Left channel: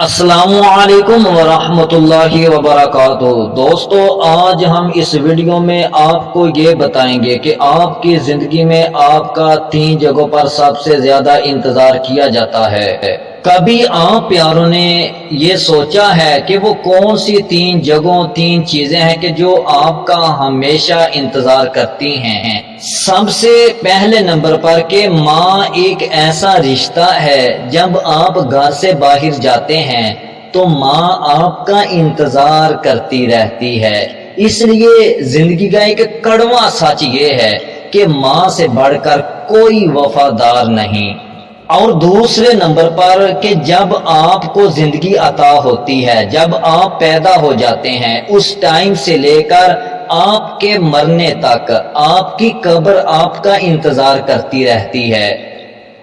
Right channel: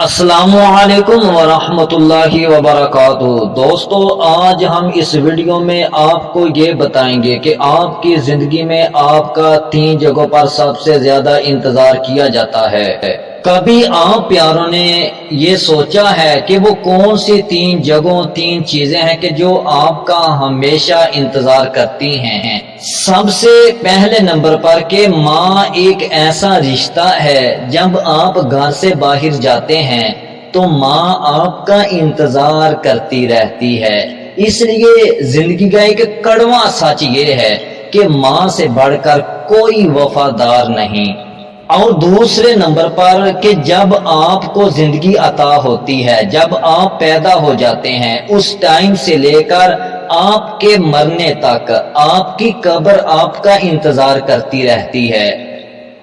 السلام علیکم ورحمۃ اللہ وبرکاتہ۔ دوستو، آج ہم اس ویڈیو میں آپ کو یہ بتائیں گے کہ آپ کی زندگی میں آپ کا 3 جگہوں پر سب سے زیادہ انتظار کیا جاتا ہے۔ کبھی آپ پیاروں نے یہ سوچا ہے کہ وہ کون سی 3 جگہوں 3 چیزیں ہیں کہ جو آپ کا ہمیشہ انتظار کرتی ہیں؟ سب سے پہلے نمبر پر کہ ماں ایک ایسا رشتہ ہے، جب آپ گھر سے باہر جاتے ہیں تو ماں آپ کا انتظار کرتی رہتی ہے۔ اس لیے زندگی کا ایک کڑوا سچ یہ ہے کہ ماں سے بڑھ کر کوئی وفادار نہیں۔ اور دوسرے نمبر پر کہ جب آپ کو زندگی عطا ہوتی ہے، جب آپ پیدا ہو جاتے ہیں، اس ٹائم سے لے کر آپ کے مرنے تک آپ کی قبر آپ کا انتظار کرتی رہتی ہے۔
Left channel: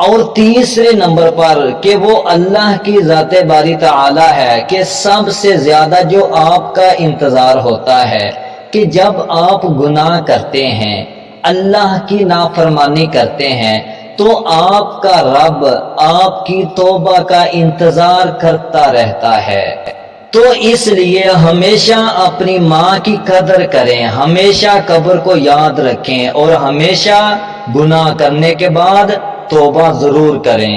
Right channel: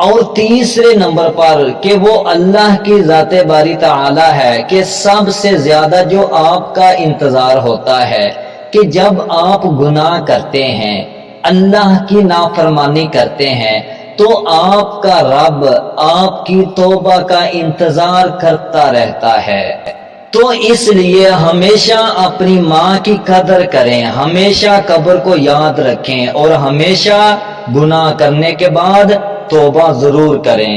اور تیسرے نمبر پر کہ وہ اللہ کی ذات باری تعالی ہے کہ سب سے زیادہ جو آپ کا انتظار ہوتا ہے کہ جب آپ گناہ کرتے ہیں، اللہ کی نافرمانی کرتے ہیں، تو آپ کا رب آپ کی توبہ کا انتظار کرتا رہتا ہے۔ تو اس لیے ہمیشہ اپنی ماں کی قدر کریں، ہمیشہ قبر کو یاد رکھیں اور ہمیشہ گناہ کرنے کے بعد توبہ ضرور کریں،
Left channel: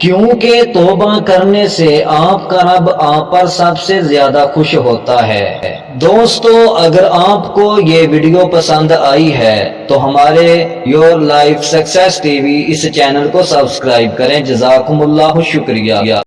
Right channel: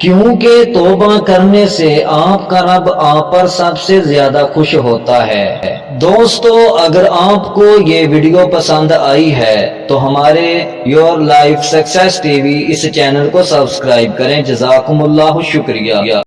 کیونکہ توبہ کرنے سے آپ کا رب آپ پر سب سے زیادہ خوش ہوتا ہے۔ دوستو، اگر آپ کو یہ ویڈیو پسند آئی ہے تو ہمارے your life success T V اس چینل کو سبسکرائب کریں۔ جزاکم اللہ، شکریہ۔